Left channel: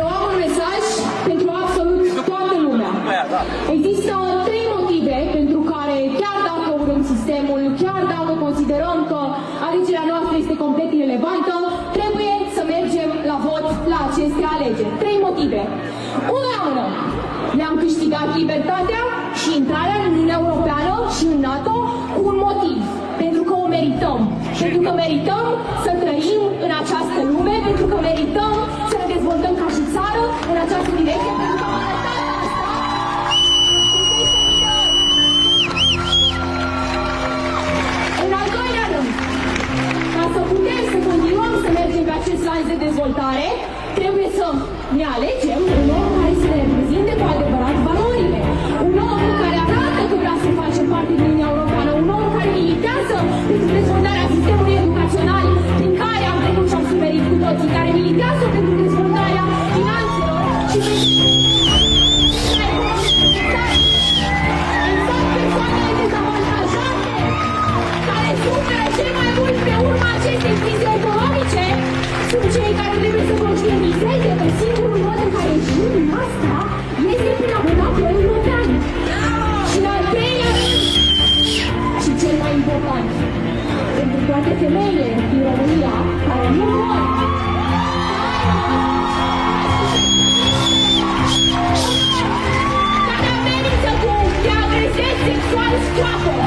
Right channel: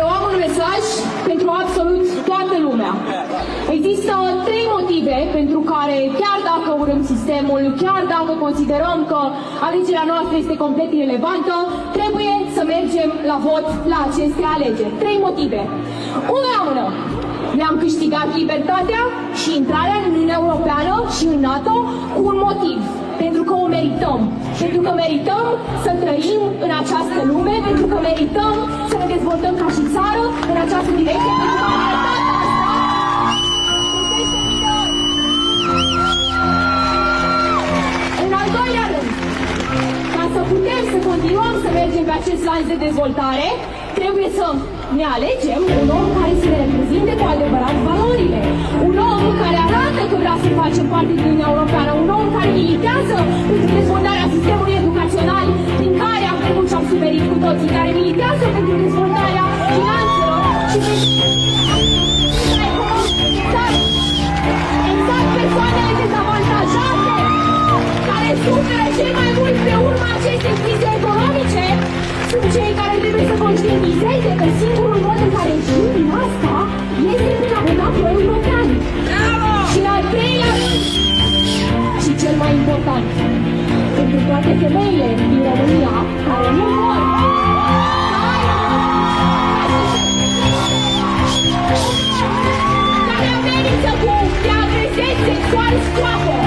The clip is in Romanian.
Eu am un mesaj pentru absolut toată lumea. Există 3 motive pentru care, chiar dacă urâm sistemul, chiar dacă considerăm că alegerea noastră este complet irelevantă, trebuie să mergem la vot la aceste alegeri. 3 motive. Unul la mână. Ne-am câștigat libertatea și intrarea în Uniunea Europeană și în NATO cu un motiv. Pentru că o merităm. Pentru că merităm să trăim în această lume, pentru că merităm să ne dezvoltăm ca și țară în această direcție, pentru că am arătat asta în 10.000 de ori. În al doilea rând, ca să putem să continuăm să mergem pe acest lanț de dezvoltare, trebuie să ne alegem un om care să ne reprezinte cu adevărat valorile. Un om care arată că vrea să facem parte din Uniunea Europeană. Un om care militează pentru dezvoltarea sistemului educațional prin care am trecut și am suferit cu toții. Care militează pentru dezvoltarea finanțelor și pentru exact persoanele dezavantajate care suferă cel mai mult pe urma acestei crize economice. Sunt cei care trebuie să conștientizeze că singurul mod în care ieșim din asta este prin a vota pro-european. Și în al treilea rând, și cel mai important, pentru toate femeile din România care nu vor care amenință cu te agresezi sexual scoate.